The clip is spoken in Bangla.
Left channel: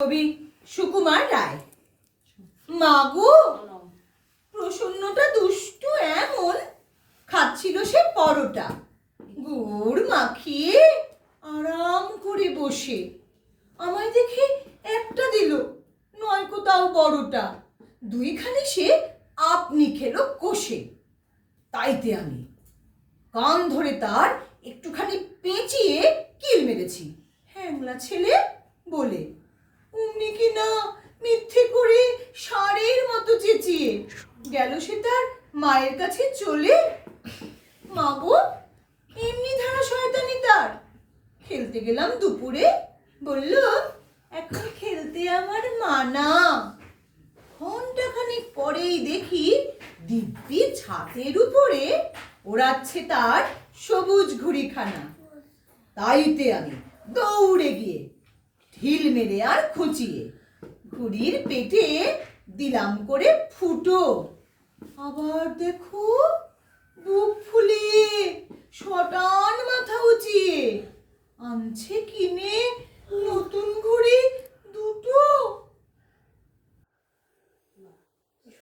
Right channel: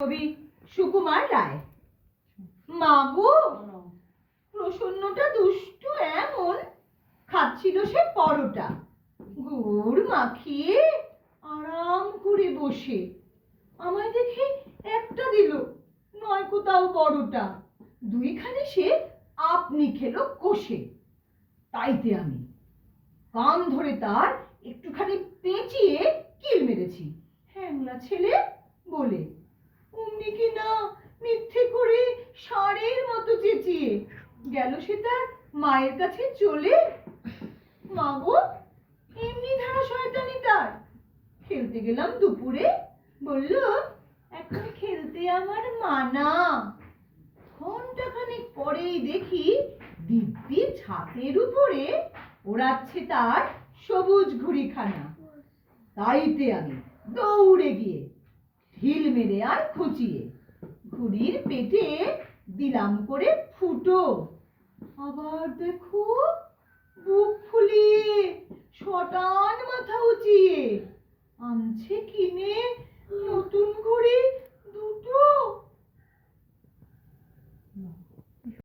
কবি সুকুমার রায়। মাগো, প্রসন্নটা দুষ্টু এমন খাচ্ছিল সে পরোটা, গুড় মাখিয়ে আরাম করে বসে। আমায় দেখে একটা দিল, নয়কো তাও বড়টা, দুইখানি সে আপনি খেলো কষে। তাইতে আমি কান ধরে তার একটুখানি পেঁচিয়ে কিল মেরেছি, হ্যাংলা ছেলে বলে। অমনি কি না মিথ্যে করে ষাঁড়ের মতো চেঁচিয়ে গেল সে তার মায়ের কাছে চলে। মা গো, এমনি ধারা শয়তানি তার। খেলতে গেলাম দুপুরে, বলল এখন খেলতে আমার মানা। ঘন্টাখানেক পরেই দেখি দিব্যি ছাতের উপরে ওড়াচ্ছে তার সবুজ ঘুড়িখানা। তাইতে আমি দৌড়ে গিয়ে ঢিল মেরে আর খুঁচিয়ে ঘুড়ির পেটে দিলাম করে ফুটো। আবার দেখো বুক ফুলিয়ে